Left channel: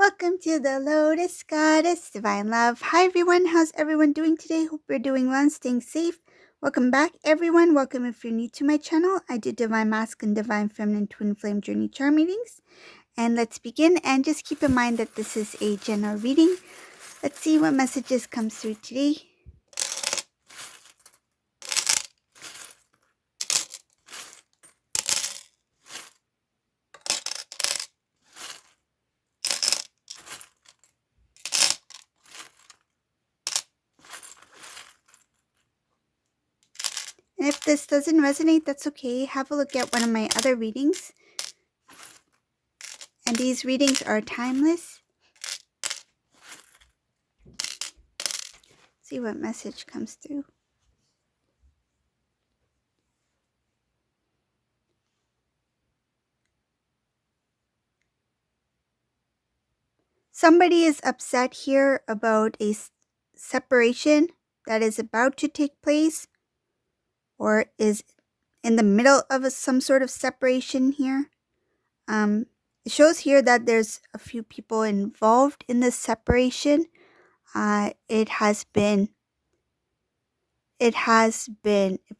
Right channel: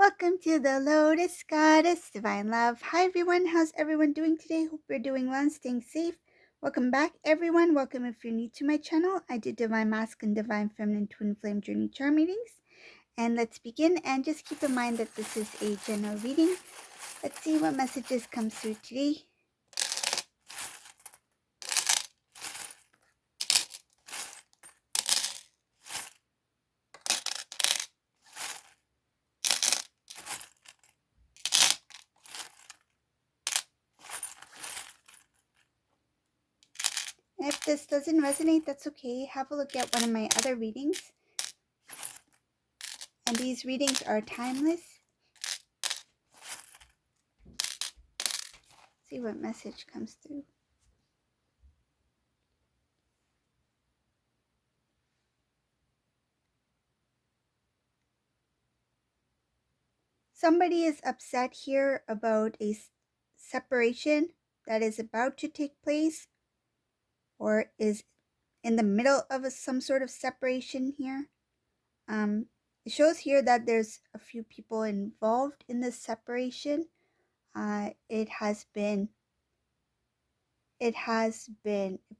Welcome to the Lotus Goddess Divine Love. Hi everyone, how's everyone doing today? Hope you're doing well and staying safe. Welcome back everyone. Welcome if you're new to my channel. I do Divine Masculine, Divine Feminine, Twin Flame Journey Charm readings. And let's begin, and just keep in mind that this is a general reading. Let's see what messages come through today. And if this doesn't resonate, that's okay. Have a look at one of my other readings. And these readings are timeless. See what message comes through. Somebody is upset here about a separation that is about to take place or is in the middle of some sort of separation here. It shows here that there's a few people involved in this separation. It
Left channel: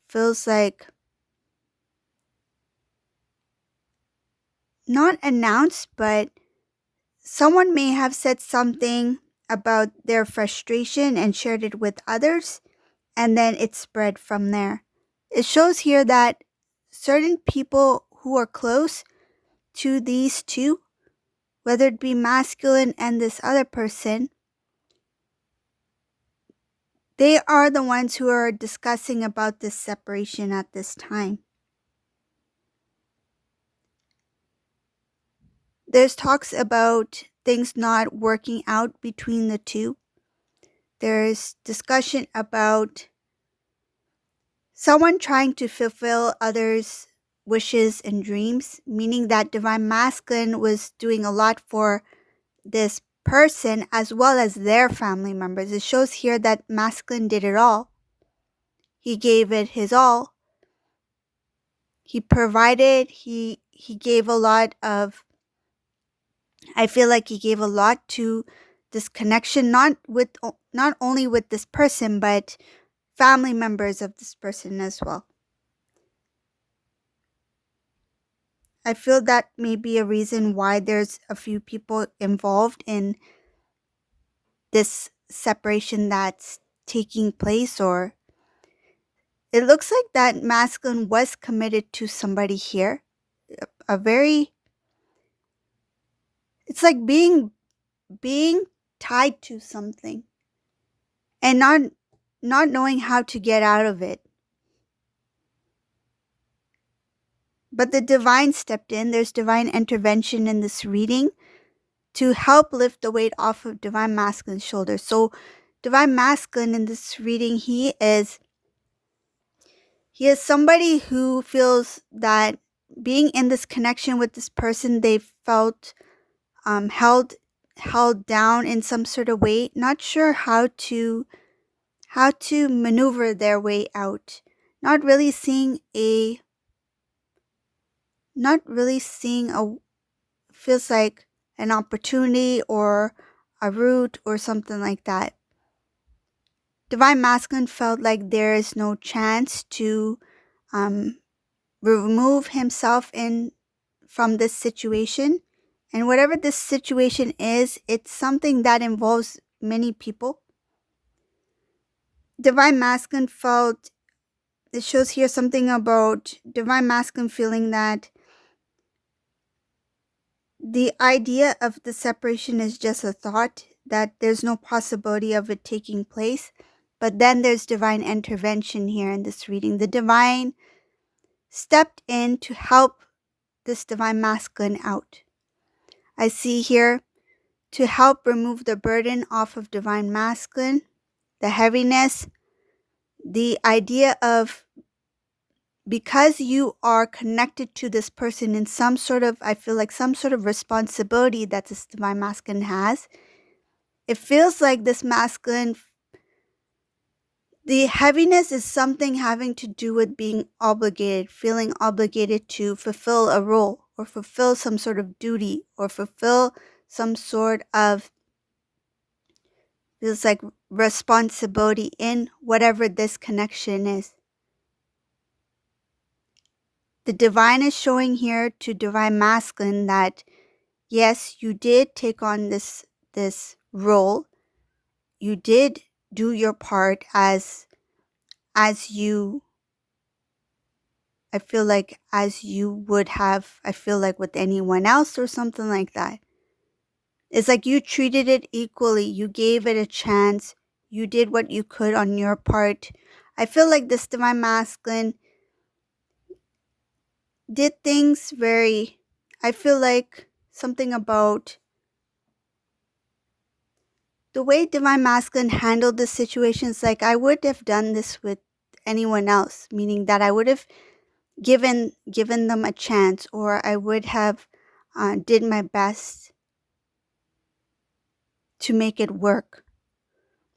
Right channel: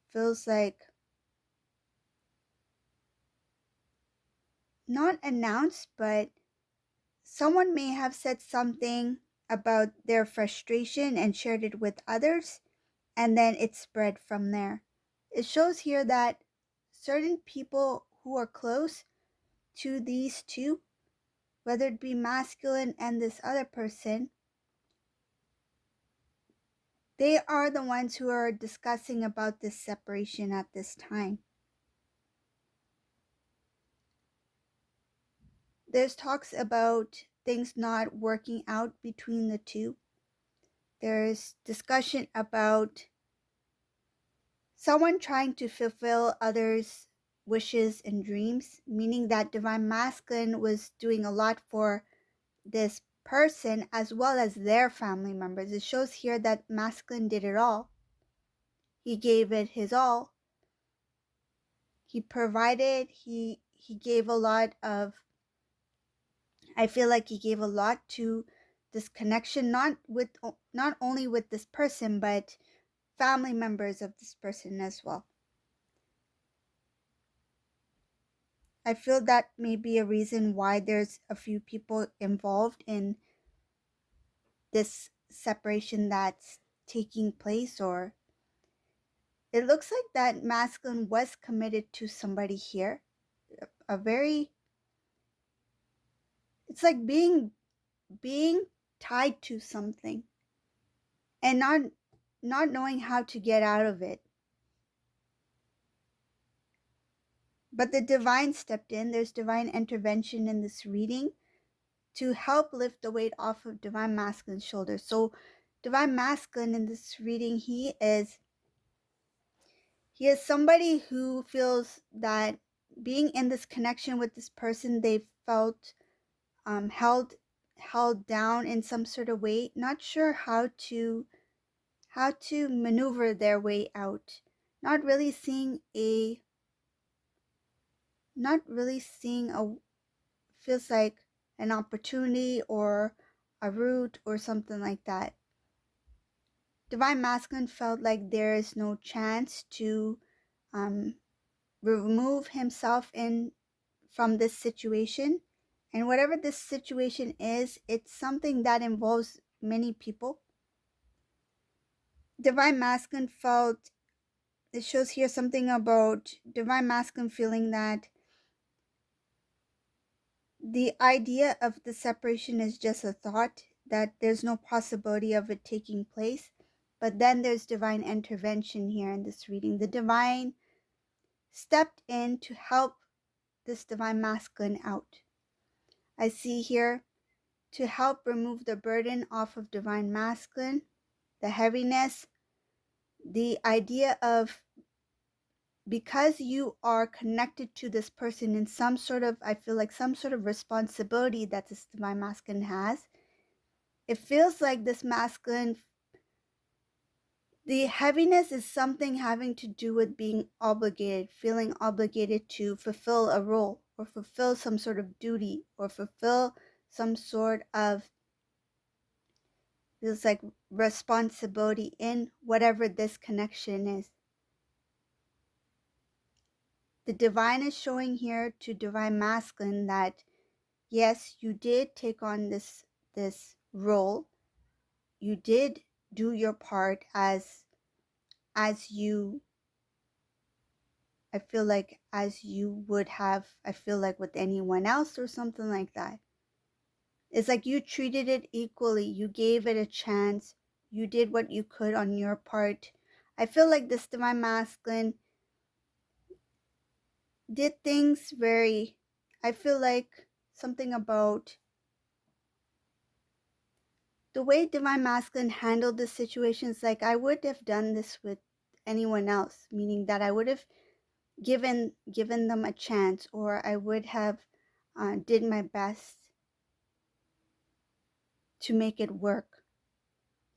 feels like not announced, but someone may have said something about their frustration and shared it with others, and then it spread from there. It shows here that certain people who are close to these two, whether it be masculine and this other person, they are the ones who are discussing about this separation at this time. There's talks about things not working out between the two. There's discussion about someone trying to fulfill others' wishes and dreams, meaning that Divine Masculine was doing a lot for this person as well as their family members. It shows here that Masculine did it all. He gave it his all. He provided, he gave a lot of, I feel like he gave a lot to this connection, not only with this person, but family members of this person as well. I feel that may be a reason why there's a few people involved in this separation that's taking place, or it looks like that masculine was committed to somebody here. It's like being tied to something and not knowing how to get out of it. But the divine stepped in. There's divine intervention in this reading to help lift the weight off of Divine Masculine's shoulders. So Divine Masculine in this reading, he is somebody who feels that being in this connection with this person, they felt held down in some sort of way, not sure how to maneuver their way out, not really seeing a feels like an opportunity or a route or something like that. Divine Masculine felt like there is no chance to remove himself from this situation. And whatever this situation is, it's something that involves many people. Divine Masculine felt, it shows here something about Divine Masculine feeling that the idea of the separation is just a thought, that there's no possibility of it taking place. But then there's divine intervention here in this reading. The divine stepped in to help this Divine Masculine out. I see here to help remove the burden off of Divine Masculine, the heaviness, the idea of, because you are connected to this person in some sort of, I feel like some sort of responsibility that this Divine Masculine has. It feels like this masculine, the heaviness is something having to do with being obligated, feeling obligated to fulfill a role or fulfill some sort of duty or fulfill some sort of, feels like, responsibility in whatever this connection is. The divine is showing here to divine masculine that yes, you did take on this role. You did do your part as you, I feel like, as you would have, I feel like, with anyone else or something like that. It's like you treated it equally. You gave it a chance. You did what you could on your part. I feel like this divine masculine did things very, I feel like something about the way divine masculine handled the situations, like I would have done this with anyone else, meaning that I would have given them a chance, or I would have did my best to make it work.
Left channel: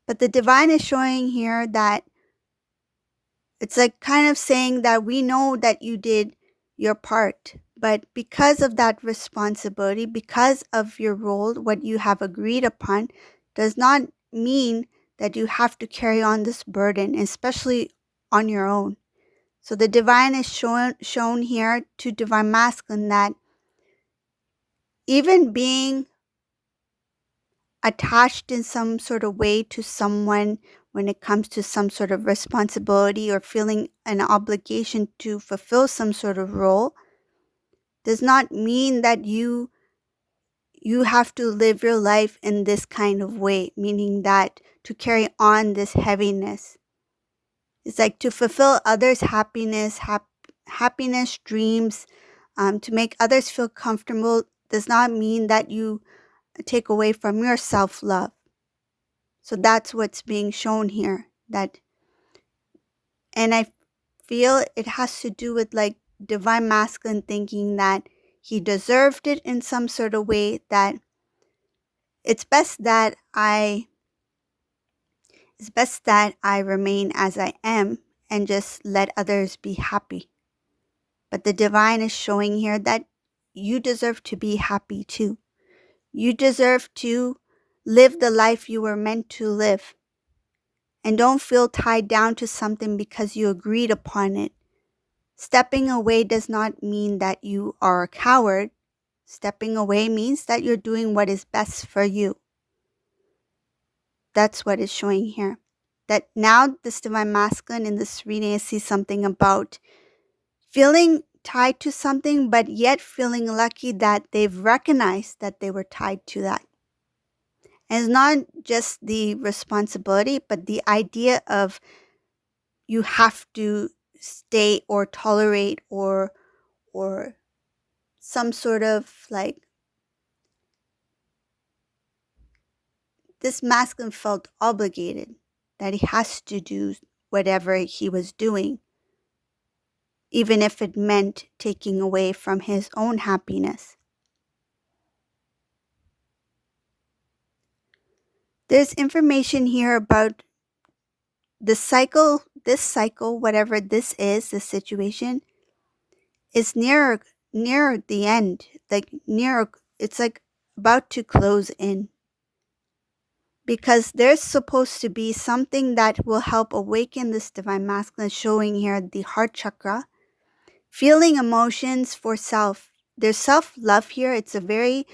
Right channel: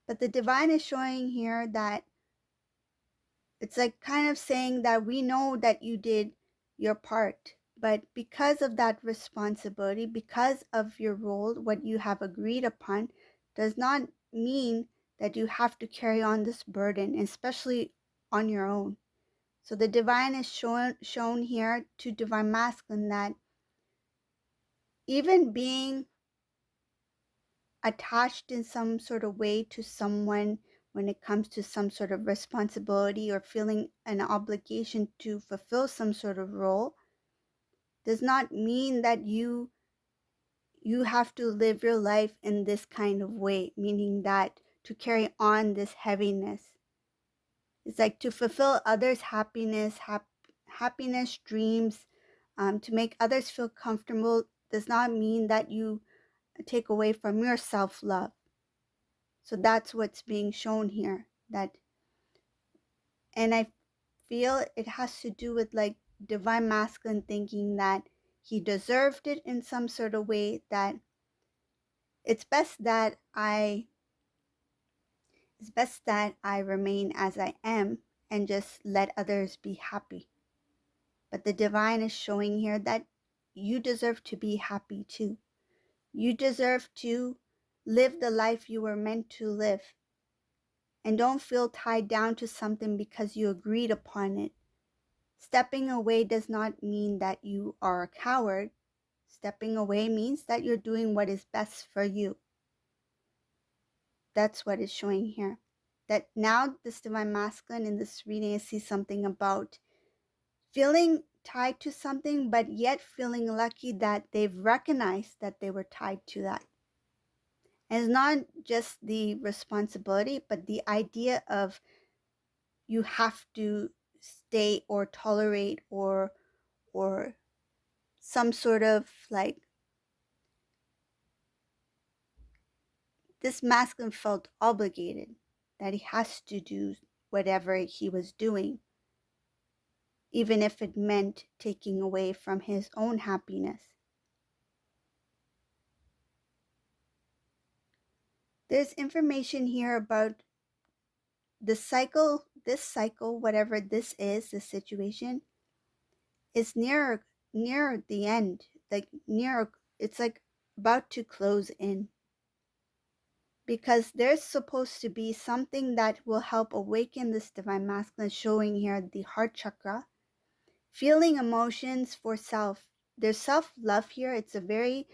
But the divine is showing here that it's like kind of saying that we know that you did your part, but because of that responsibility, because of your role, what you have agreed upon, does not mean that you have to carry on this burden, especially on your own. So the divine is shown here to divine masculine that even being attached in some sort of way to someone when it comes to some sort of responsibility or feeling an obligation to fulfill some sort of role does not mean that you have to live your life in this kind of way, meaning that to carry on this heaviness. It's like to fulfill others' happiness, happiness, dreams, to make others feel comfortable does not mean that you take away from your self-love. So that's what's being shown here. And I feel it has to do with like divine masculine thinking that he deserved it in some sort of way, that it's best that I remain as I am and just let others be happy. But the divine is showing here that you deserve to be happy too. You deserve to live the life you were meant to live. And don't feel tied down to something because you agreed upon it. Stepping away does not mean that you are a coward. Stepping away means that you're doing what is best for you. That's what is showing here. That now this divine masculine in this reading, I see something about feeling tied to something, but yet feeling lucky that they've recognized that they were tied to that. And it's not just the responsibility, but the idea of you have to stay or tolerate or some sort of like, this masculine felt obligated that he has to do whatever he was doing, even if it meant taking away from his own happiness. There's information here about this cycle, whatever this is, this situation is near the end, like near, it's like about to close in. Because there's supposed to be something that will help awaken this divine masculine, showing here the heart chakra, feeling emotions for self. There's self-love here. It's a very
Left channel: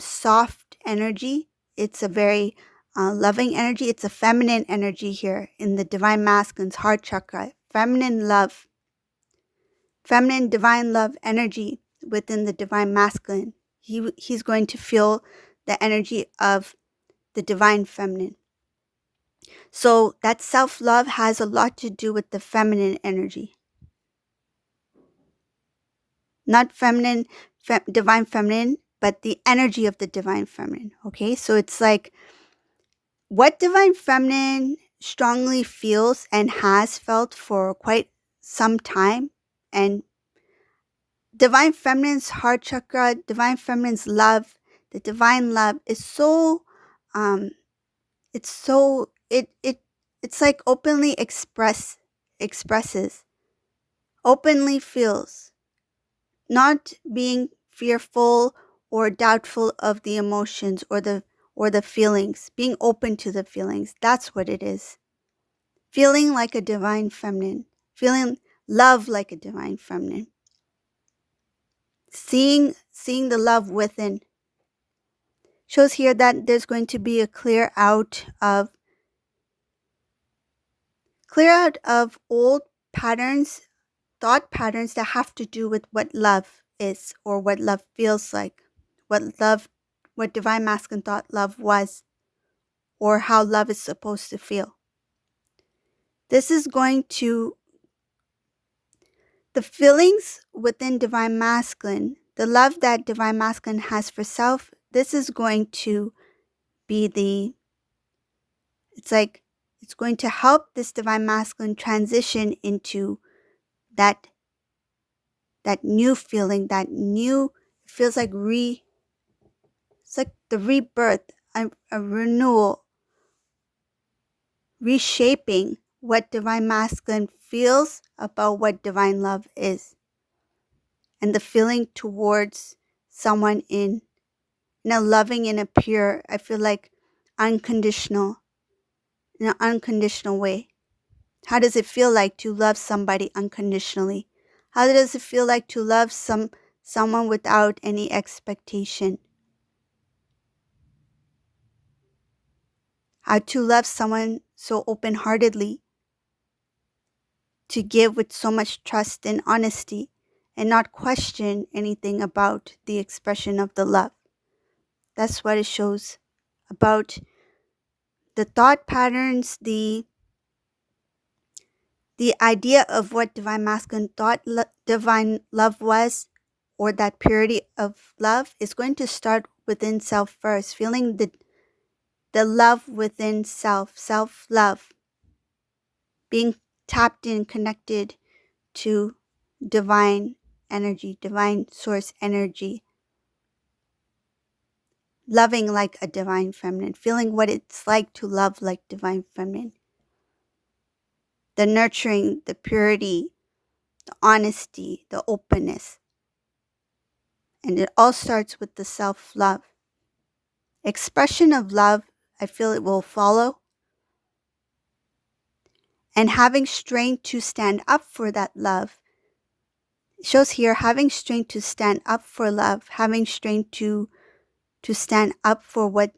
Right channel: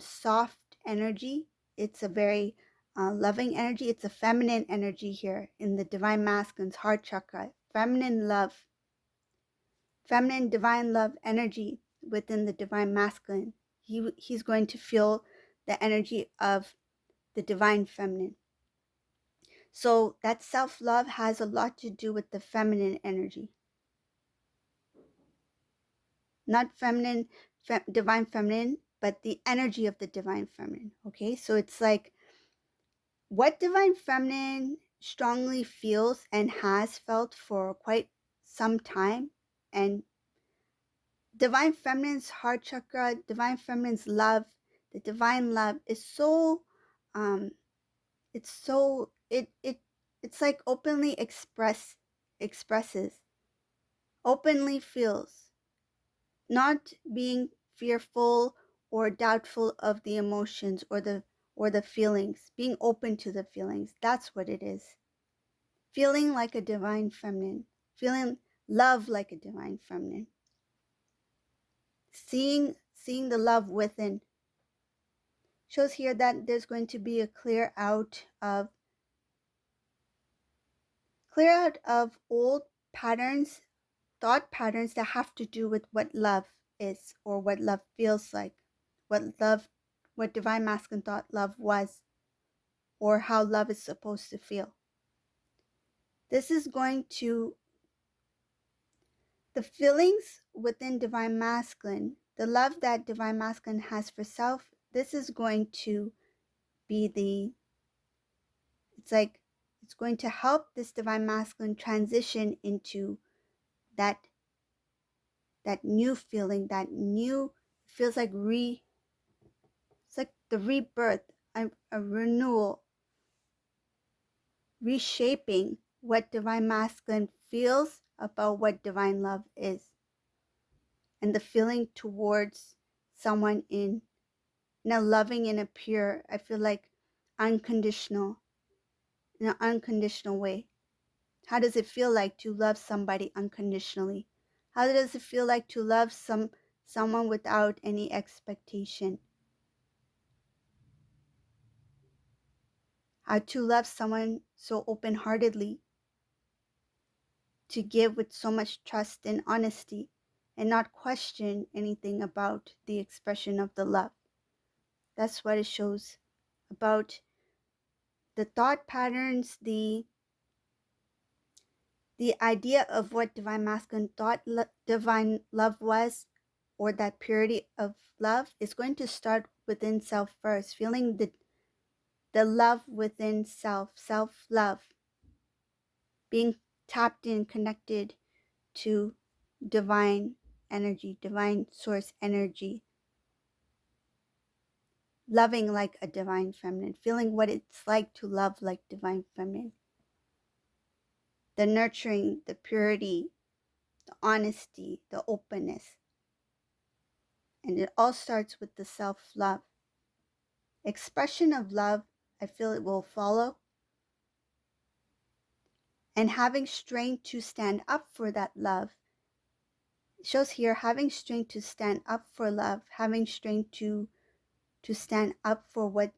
soft energy. It's a very loving energy. It's a feminine energy here in the divine masculine's heart chakra. Feminine love, feminine divine love energy within the divine masculine. He's going to feel the energy of the divine feminine. So that self-love has a lot to do with the feminine energy. Not feminine, divine feminine, but the energy of the divine feminine. Okay, so it's like what divine feminine strongly feels and has felt for quite some time. And divine feminine's heart chakra, divine feminine's love, the divine love is so, it's so, it's like openly expresses, openly feels, not being fearful or doubtful of the emotions or the feelings, being open to the feelings. That's what it is. Feeling like a divine feminine, feeling love like a divine feminine. Seeing the love within. Shows here that there's going to be a clear out of old patterns, thought patterns that have to do with what love is or what love feels like, what divine masculine thought love was, or how love is supposed to feel. This is going to, the feelings within divine masculine, the love that divine masculine has for self, this is going to be it's going to help this divine masculine transition into that new feeling, feels like it's like the rebirth, a renewal, reshaping what divine masculine feels about what divine love is, and the feeling towards someone in a loving and a pure, I feel like unconditional, in an unconditional way. How does it feel like to love somebody unconditionally? How does it feel like to love someone without any expectation? How to love someone so open-heartedly, to give with so much trust and honesty, and not question anything about the expression of the love. That's what it shows about the thought patterns, the idea of what divine masculine thought divine love was, or that purity of love, is going to start within self first, feeling the love within self love, being tapped in, connected to divine energy, divine source energy, loving like a divine feminine, feeling what it's like to love like divine feminine, the nurturing, the purity, the honesty, the openness. And it all starts with the self-love. Expression of love, I feel it will follow. And having strength to stand up for that love. It shows here having strength to stand up for love, having strength to stand up for what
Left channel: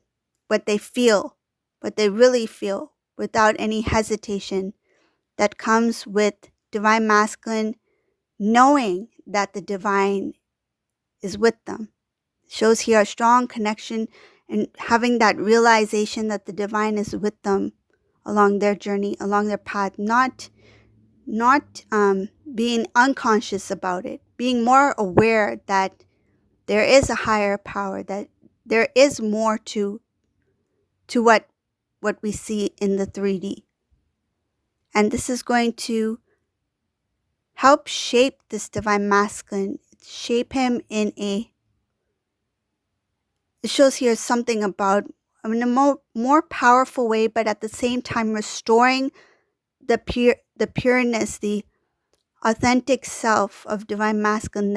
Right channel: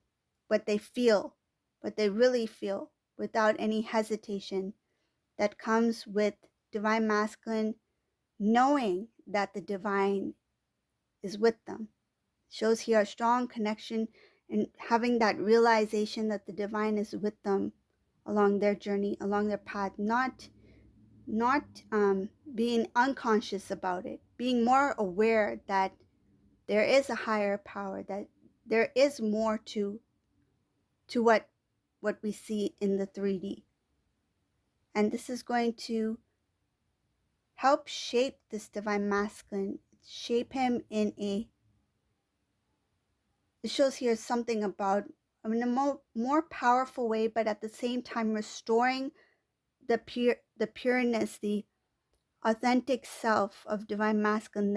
they feel, what they really feel, without any hesitation. That comes with divine masculine knowing that the divine is with them. Shows here a strong connection and having that realization that the divine is with them along their journey, along their path, not being unconscious about it, being more aware that there is a higher power, that there is more to what we see in the 3D. And this is going to help shape this divine masculine, shape him in a, it shows here something about in a more powerful way, but at the same time restoring the pureness, the authentic self of divine masculine,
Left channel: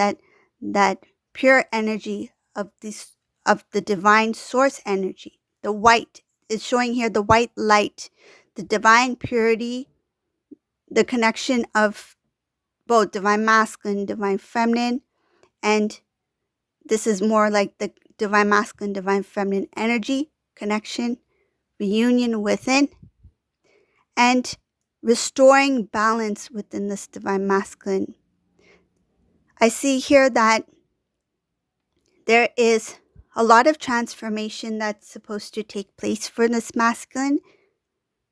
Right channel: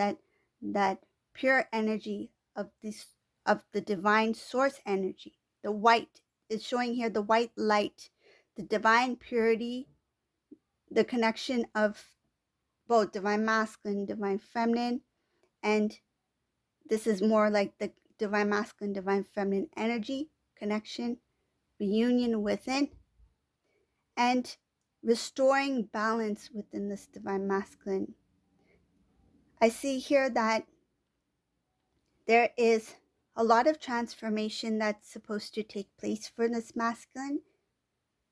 that pure energy of the divine source energy. The white is showing here, the white light, the divine purity, the connection of both divine masculine, divine feminine, and this is more like the divine masculine, divine feminine energy connection, reunion within, and restoring balance within this divine masculine. I see here that there is a lot of transformation that's supposed to take place for this masculine.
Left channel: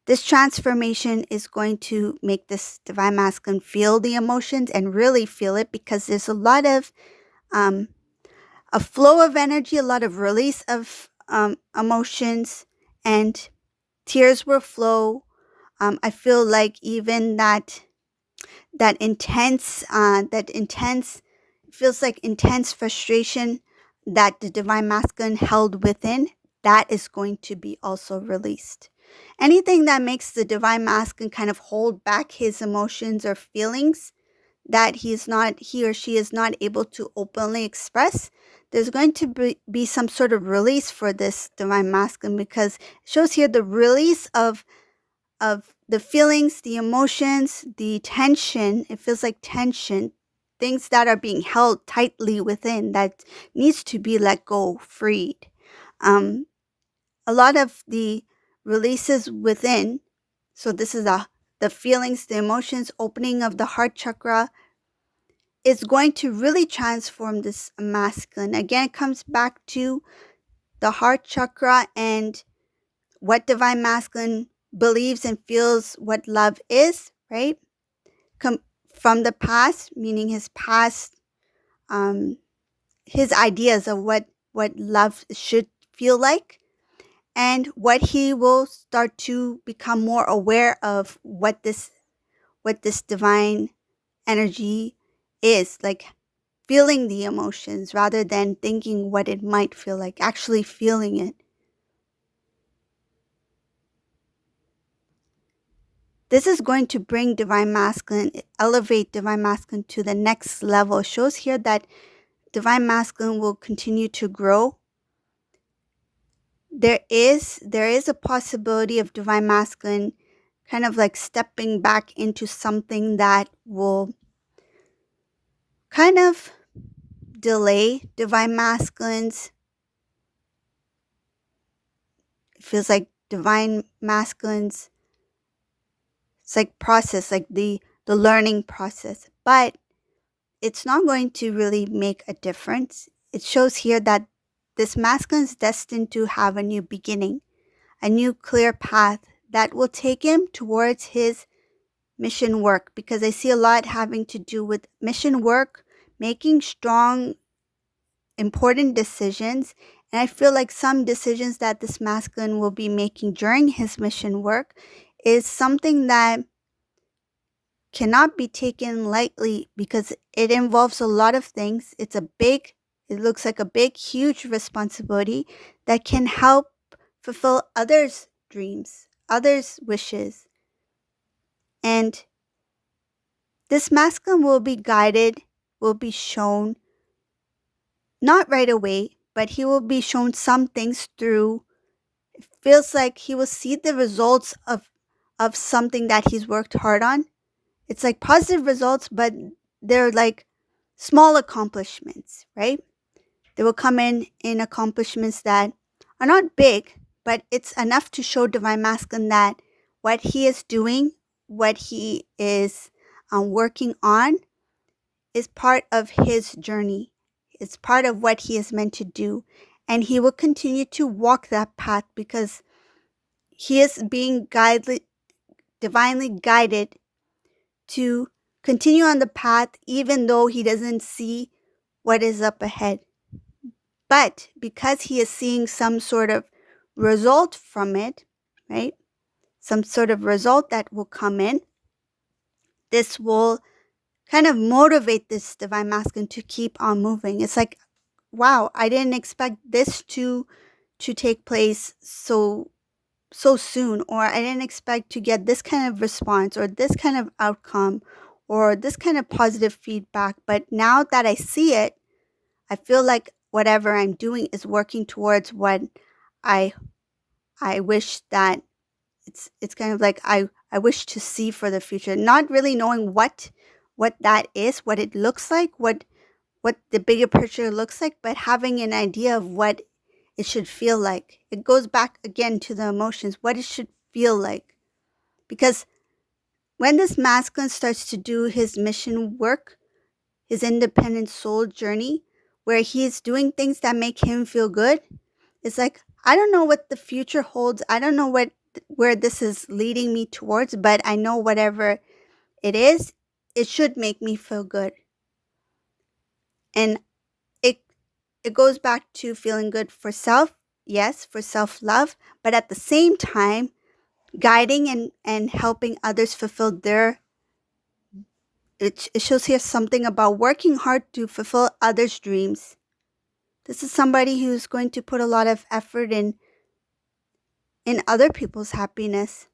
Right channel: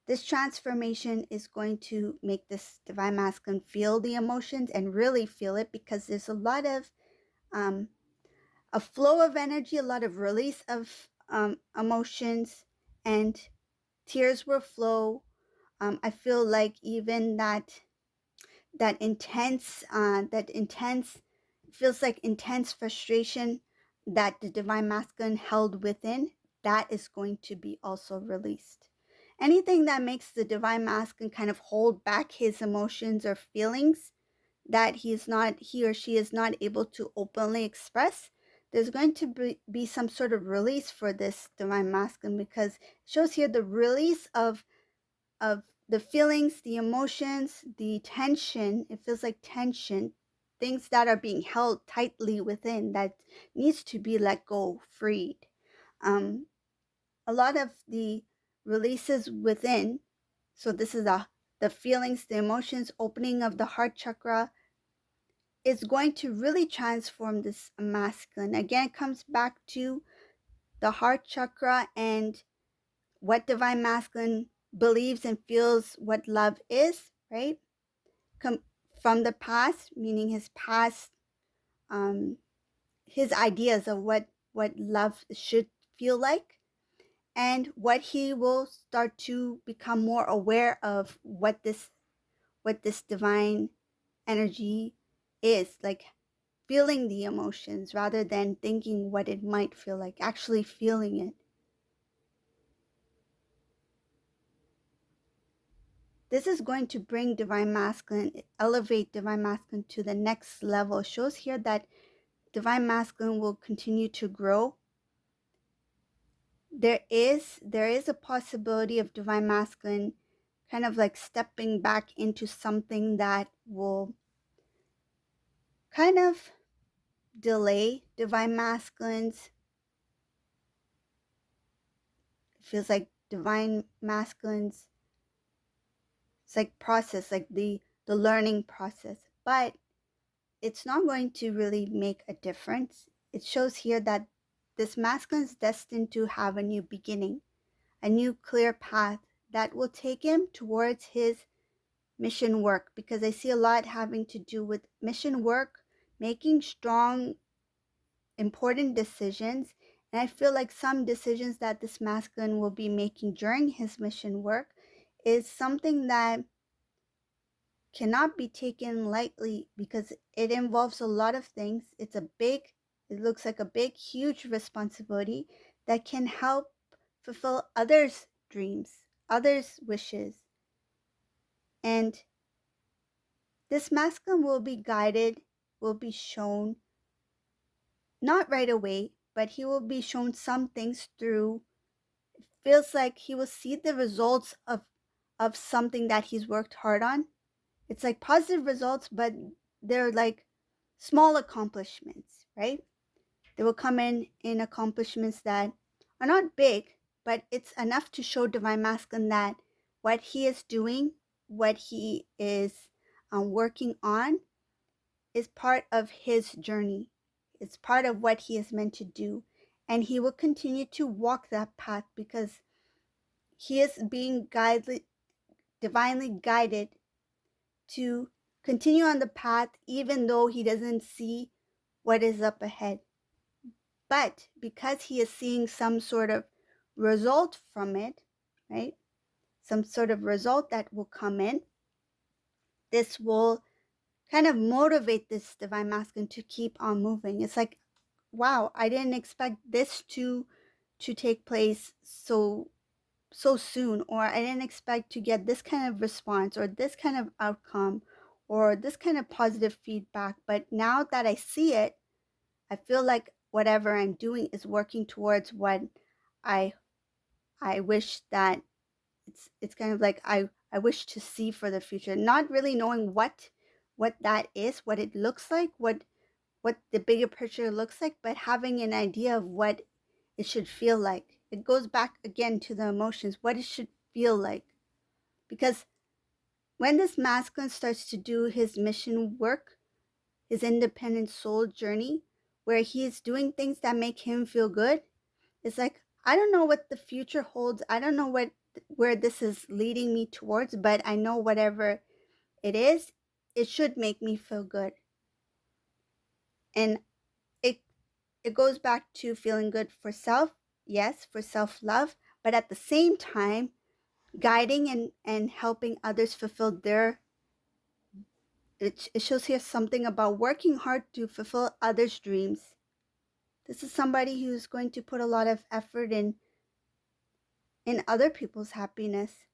This transformation is going to make this divine masculine feel the emotions and really feel it, because there's a lot of a flow of energy, a lot of release of emotions, and tears will flow. I feel like even that intense feels like intense frustration that the divine masculine held within, that is going to be also released. Anything that makes the divine masculine kind of hold back his emotions or feelings that he or she is not able to openly express, there's going to be some sort of release for this divine masculine, because it shows here the release of the feelings, the emotions, the tension. It feels like tension, things that are being held tightly within that needs to be let go, freed. Um, a lot of the releases within. So this is the feelings, the emotions, opening of the heart chakra is going to really transform this masculine. Again, it comes back to the heart chakra and what divine masculine believes and feels what love is, right? From the past, meaning his past, um, his ideas of what love should feel like, and what he will start to become more aware of what this divine energy is like, feeling the emotions rather than thinking what it might feel like, actually feeling it. This is going to bring divine masculine, elevate divine masculine to the next level. It shows here that divine masculine will continue to grow. There is a possibility of divine masculine kind of like stepping back into something that will kind of delay divine masculines. It feels like divine masculines, it's like process, like the learning process, but it's not going to really make a difference. It shows here that this masculine is destined to have a new beginning, a new clear path that will take him towards his mission work, because I see a lot having to do with mission work, making strong, important decisions. And I feel like some decisions that this masculine will be making during his mission work is something that cannot be taken lightly, because it involves a lot of things. It looks like a big, huge responsibility that can help fulfill others' dreams, others' wishes. And this masculine will be guided, will be shown, not right away, but he will be shown some things through. It feels like he will see the results of something that he's worked hard on. It's like positive results, but they're like small accomplishments, right? They will come in accomplishments that are not big, but it's enough to show divine masculine that what he is doing, what he is working on, is part of his journey. It's part of what he is meant to do. And he will continue to walk that path because he is being divinely guided to continue on the path, even though he doesn't see what is up ahead. But because he is seeing some sort of result from it, right? Some sort of result that will come in, this will kind of motivate this divine masculine to keep on moving. It's like, wow, I didn't expect this to take place so soon, or I didn't expect to get this kind of response or this kind of outcome or this kind of positive feedback. But now that I see it, I feel like whatever I'm doing is working towards what I I wish that it's kind of like I wish to see for the future, not really knowing what that is, what it looks like, what the bigger picture looks like, but having an idea of what it should feel like. It goes back again to the emotions, what it should feel like. Because when this masculine starts to do his mission work, his independent soul journey, where he's doing things that make him feel good, it's like, I don't know what the future holds. I don't know where this is leading me towards, but I know whatever it is, it should make me feel good. And it it goes back to feeling good for self, yes, for self-love, but at the same time, guiding and helping others fulfill their, it shows here something about working hard to fulfill others' dreams. This is somebody who's going to put a lot of effort in other people's happiness.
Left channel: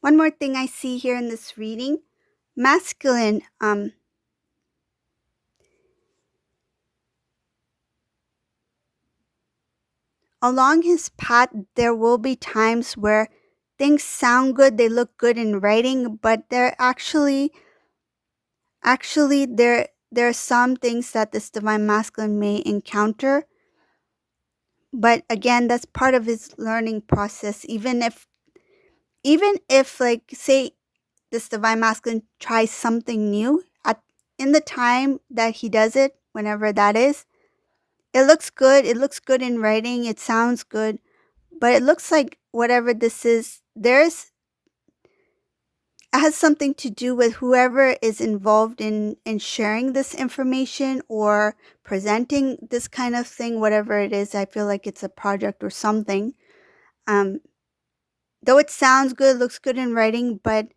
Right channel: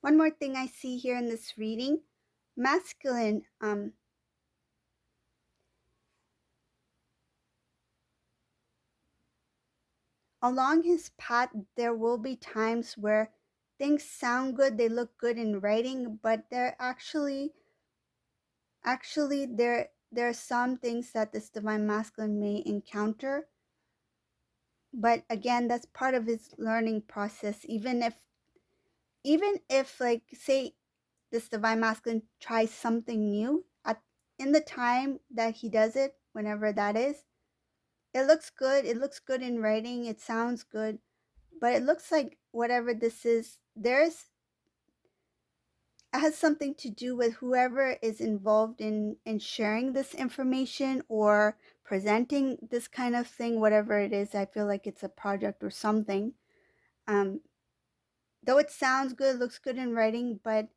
One more thing I see here in this reading, masculine, along his path, there will be times where things sound good, they look good in writing, but they're actually there are some things that this divine masculine may encounter. But again, that's part of his learning process. Even if like say this divine masculine tries something new at in the time that he does it, whenever that is, it looks good. It looks good in writing. It sounds good. But it looks like whatever this is, there's it has something to do with whoever is involved in sharing this information or presenting this kind of thing, whatever it is. I feel like it's a project or something. Um, though it sounds good, looks good in writing, but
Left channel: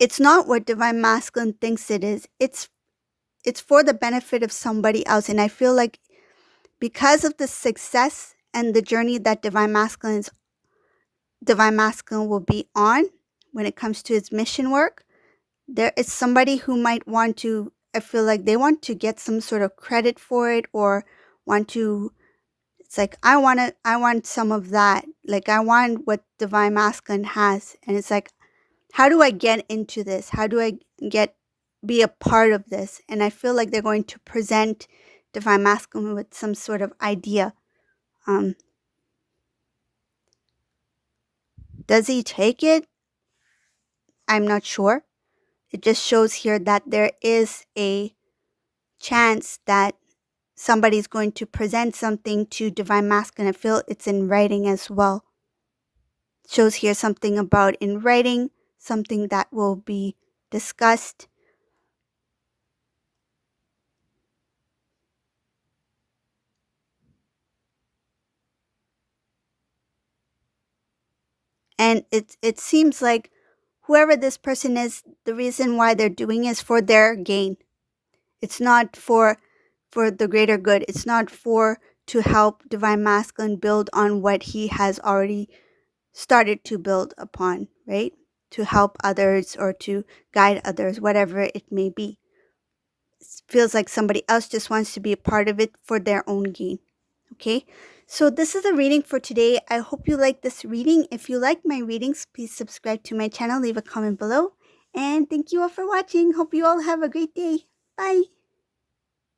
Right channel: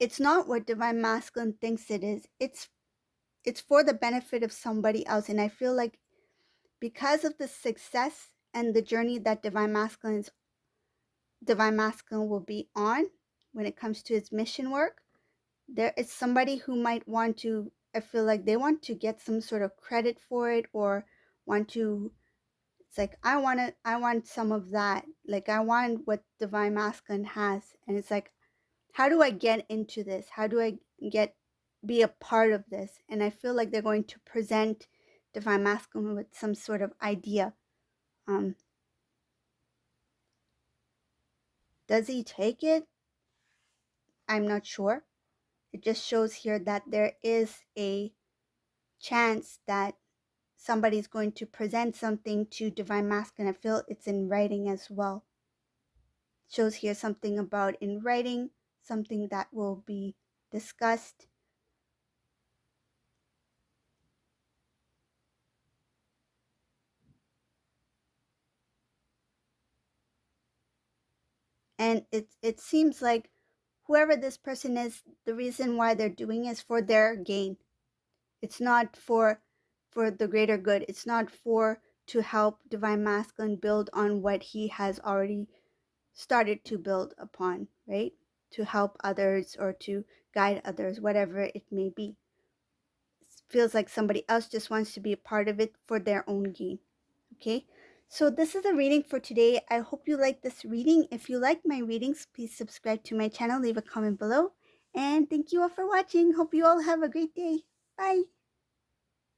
it's not what divine masculine thinks it is. It's for the benefit of somebody else. And I feel like because of the success and the journey that divine masculine will be on when it comes to its mission work, there is somebody who might want to, I feel like they want to get some sort of credit for it, or want to, it's like I want some of that. Like I want what divine masculine has. And it's like, how do I get into this? How do I get be a part of this? And I feel like they're going to present divine masculine with some sort of idea. Um, does he take it? I'm not sure. It just shows here that there is a chance that somebody's going to present something to divine masculine. I feel it's in writing as well. Shows here something about in writing, something that will be discussed. And it seems like whoever this person is, the reason why they're doing is for their gain. It's not for the greater good. It's not for to help divine masculine build on what he has already started to build upon, right? To help others or to guide others, whatever it may be. It feels like somebody else just wants to be a part of it for their own gain. Okay, so this is the reading for today. I hope you like this reading. If you like my readings, please subscribe to my channel, leave a comment below, and thank you all for watching. Hope you all have a great day. Bye.